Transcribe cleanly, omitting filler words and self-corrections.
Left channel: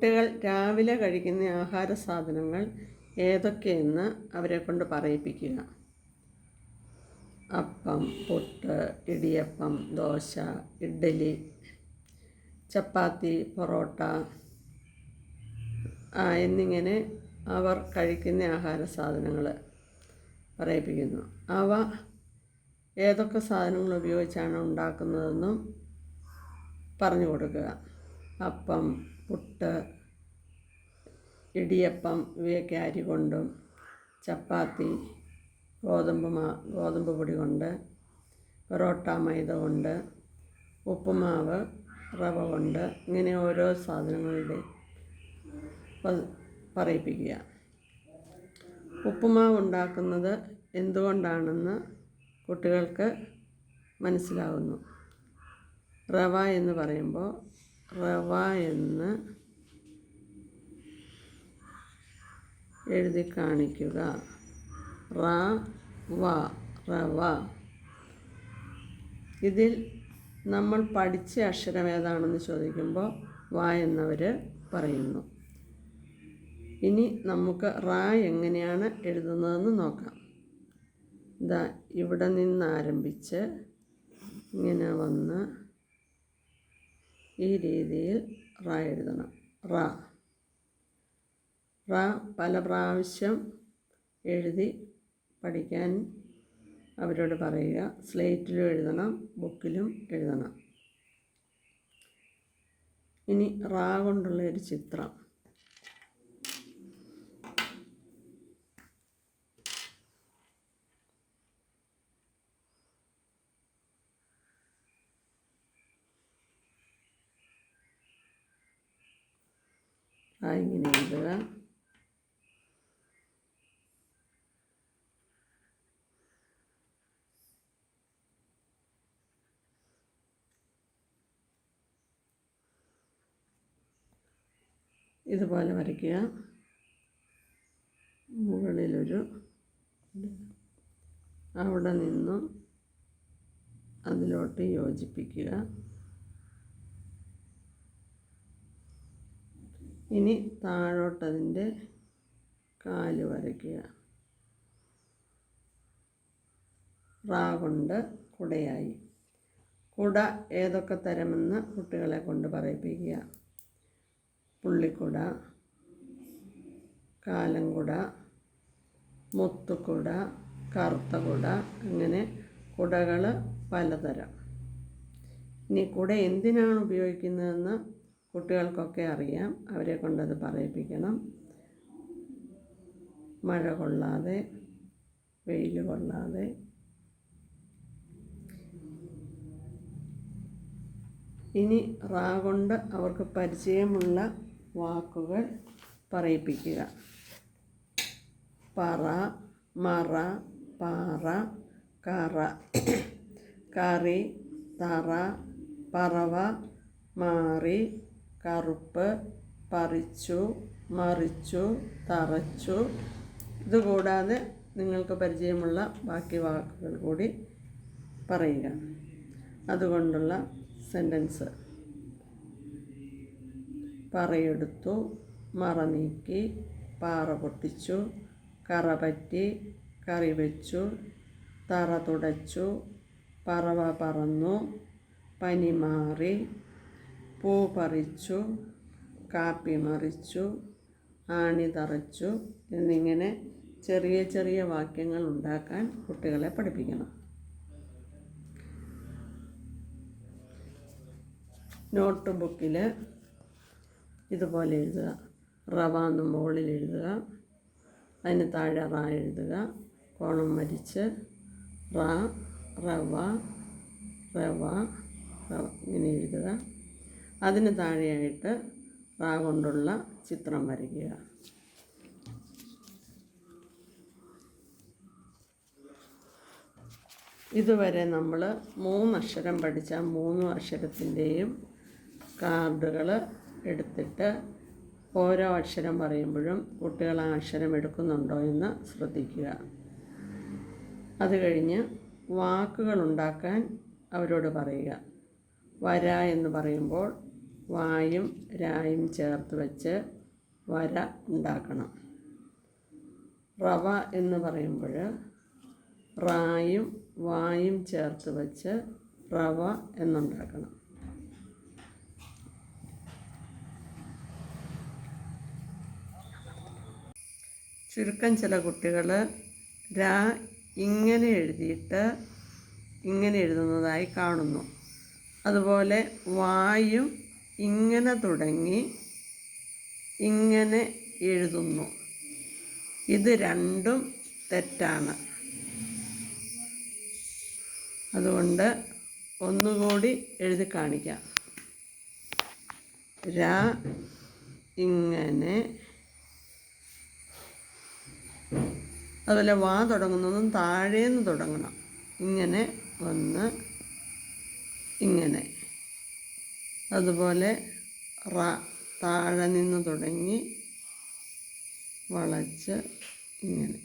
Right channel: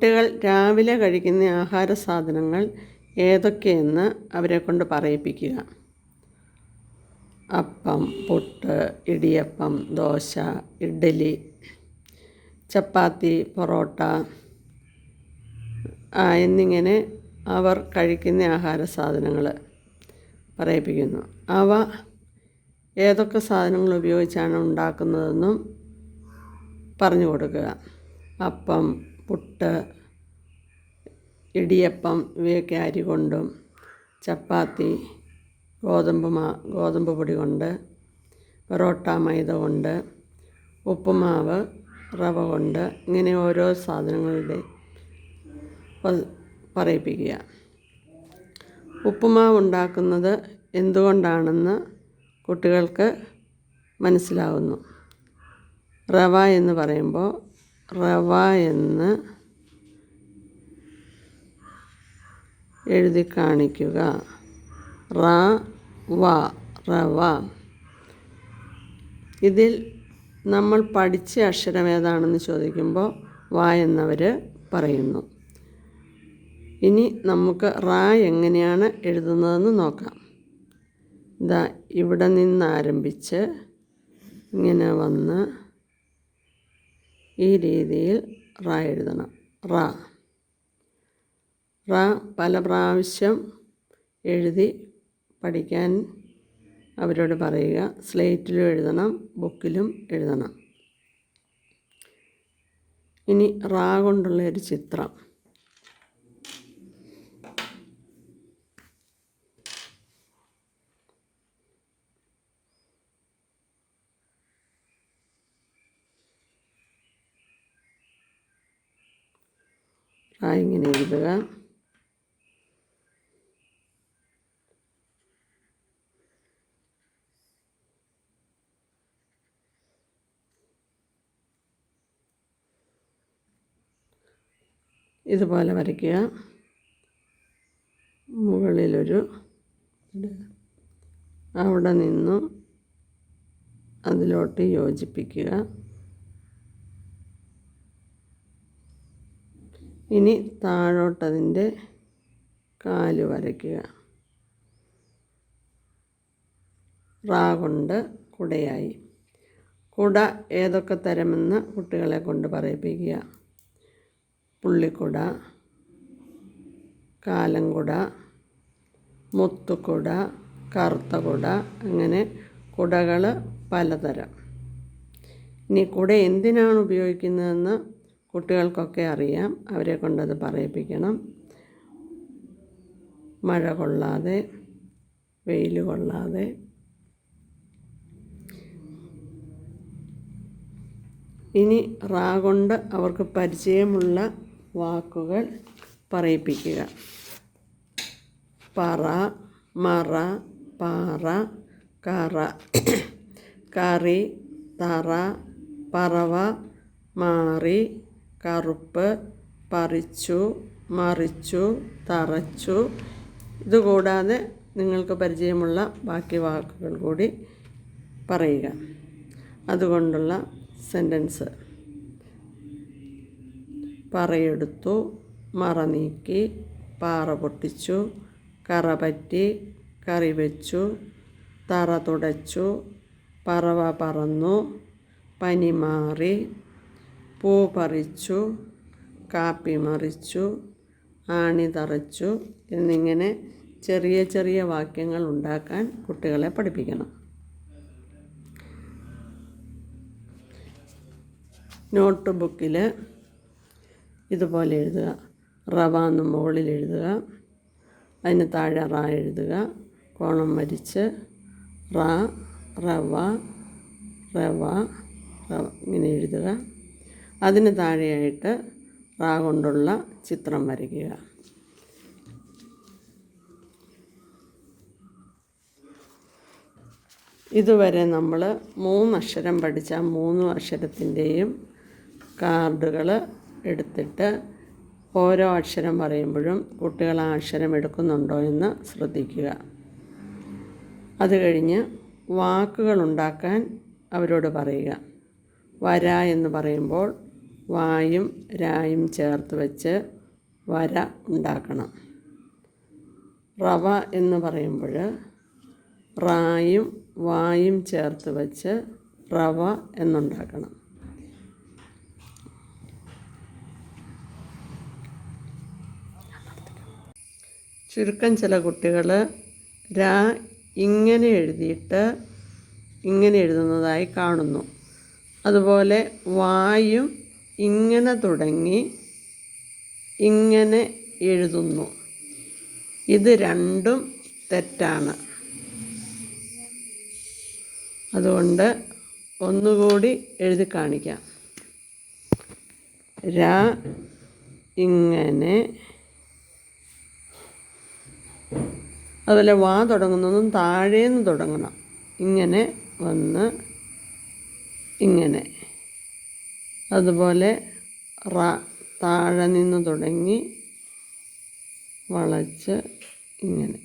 കുട്ടികൾ രാവിലെ കഴിക്കുന്ന ആഹാര സാധനങ്ങൾ ഏതൊക്കെയെന്ന് അവരെ കൊണ്ട് പറയിപ്പിക്കുക. അപ്പം, പുട്ട്, ഇടിയപ്പം, ദോശ, ഇഡ്ഡലി, ചപ്പാത്തി, പൊറോട്ട എന്നിങ്ങനെ അവർ കഴിക്കുന്ന ആഹാര സാധനങ്ങൾ പറയിപ്പിക്കുന്നു. അവ ഏതൊക്കെ സാധനങ്ങൾ ഉപയോഗിച്ചാണ് ഉണ്ടാക്കുന്നതെന്നും പറഞ്ഞു കൊടുക്കുക. അപ്പം, പുട്ട്, ഇടിയപ്പം ഇവയൊക്കെ അരി കൊണ്ടും, ചപ്പാത്തി ഗോതമ്പ് പൊടി കൊണ്ട്, പൊറോട്ട മൈദ കൊണ്ട്, ഉപ്പുമാവ് റവ കൊണ്ട്, ഇങ്ങനെ ഓരോ സാധനങ്ങളുടെ പറയിപ്പിക്കുക. ഉപ്പുമാവ് ഉണ്ടാക്കുന്നത് എന്തുകൊണ്ടാണെന്ന് കുട്ടികൾക്ക് മനസ്സിലാകുന്നു. റവ എന്ന് പറയുമ്പോൾ റവ എന്ന് എഴുതി കാണിക്കുക. റവ. ഇതിൽ നമ്മൾ പഠിച്ച അക്ഷരം ഏതാണെന്ന് ചോദിക്കുമ്പോൾ വ എന്നവർ പറയുന്നു. ഇനി നമുക്ക് എങ്ങനെയാണ് എഴുതുന്നതെന്ന് നോക്കാം. ഇവിടെ നിന്ന് ആരംഭിച്ച് ഇങ്ങനെ വന്ന് ഈ രീതിയിൽ എഴുതണം. പല പ്രാവശ്യം എഴുതി പഠിക്കാൻ അവരോട് പറയുക. സ്ലേറ്റിലും എഴുതണം, ബുക്കിലും എഴുതണം. ഇനി കൊണ്ടുള്ള ഒരു ചിത്രം. ഇങ്ങനെ എഴുതുക. ഇതുപോലെ വരയ്ക്കുക. മുകളിലൊരു അവിടെ നിന്നും അതിലോട്ട് യോജിപ്പിക്കുക. ഇനി താഴോട്ടതിൻ്റെ കാല് വരയ്ക്കുക. കൊണ്ട് കുടയായി. കുട ഏതൊക്കെ തരമെന്ന് കുട്ടികളെ കൊണ്ട് പറയിപ്പിക്കുക. പുള്ളിക്കുട, കാലംകുട, മുത്തുക്കുട, കറുത്ത കുട, അങ്ങനെ കുടകൾ പലതരം. ഇനി കുട എന്തിനാണ് ഉപയോഗിക്കുന്നതെന്ന് കുട്ടികൾക്കൊക്കെ അറിയാം. അവരെ കൊണ്ടത് പറയിപ്പിക്കണം. മഴ കൊള്ളാതെ, വെയിൽ കൊള്ളാതെ. ഇനി കൊണ്ട് അവർക്ക് പരിചയമുള്ള വാക്കുകൾ പറയിപ്പിക്കുക. പറ, മറ, പാറ, കറ, കറി, തറ, പറവ, മാറി, കറുപ്പ്, പറിച്ചു, മറിച്ചു, തറച്ചു. ഇതുകൂടാതെ നിങ്ങൾക്ക് പരിചയമുള്ള ബാക്കി വാക്കുകൾ കൂടി പറയുക. അതുകൊണ്ടുള്ള സെൻറ്റൻസ്: പറയെടുത്തു, മറ നീക്കി, പാറ പൊട്ടിച്ചു, കറ പറ്റി, കറി വെച്ചു, തറ തുടച്ചു, പറവ പറന്നു, പനി മാറി, പൂ പറിച്ചു, കാപ്പി മറിച്ചു, ആണി തറച്ചു എന്നിങ്ങനെ ചെറിയ ചെറിയ വാക്യങ്ങൾ ഉണ്ടാക്കാൻ കുട്ടികളെ പഠിപ്പിക്കണം. നോട്ട് ബുക്കിൽ ഇതുപോലെ എഴുതുക. റവ എന്ന് മുകളിൽ എഴുതുക. അതിന് താഴെ എഴുതുക. കോണം വരിച്ച് റവ ഇങ്ങനെ എഴുതുക. അതിന് താഴെയായിട്ട് കൊണ്ടുള്ള ചിത്രം വരയ്ക്കുക. ഇതുവരെ നമ്മൾ 3 അക്ഷരം പഠിച്ച 3 അക്ഷരത്തിൻ്റെയും കാർഡുകൾ എടുത്തിട്ട് ഓരോ അക്ഷരം പറയുമ്പോഴും കുട്ടികൾ ആ അക്ഷരം എടുക്കുന്നുണ്ടോ എന്ന് ശ്രദ്ധിക്കുക. അത് കഴിഞ്ഞ് വാക്കുകൾ ഉണ്ടാക്കാൻ അവരോട് പറയുക. വര എന്ന് പറയുമ്പോൾ വായും രായും ചേർത്ത് വെച്ച് വര ഉണ്ടാക്കണം. റവ എന്ന് പറയുമ്പോൾ റായും വായും ചേർത്ത് വെച്ച് റവ എന്നുണ്ടാക്കണം. ചുരുക്കം ചില കുട്ടികൾ രാ ഇങ്ങനെ എഴുതിയിട്ട് ഇങ്ങനെ എഴുതുന്നതായി കാണുന്നു. അതുപോലെ വായും ഇങ്ങനെ തുടങ്ങി ഇങ്ങനെ എഴുതുന്നു. ഇത് രണ്ടും തെറ്റാണ്. അതുകൊണ്ട് ഒന്നുകൂടി എഴുതി കാണിക്കാം. രാ ഇങ്ങനെ, അതുപോലെ വാ തുടങ്ങുന്നതും താഴേന്ന് തുടങ്ങണം. ഇങ്ങനെ വന്ന് ഇങ്ങനെ. അതുപോലെ റ താഴെ നിന്ന് തുടങ്ങി വളച്ച് ഇങ്ങനെ.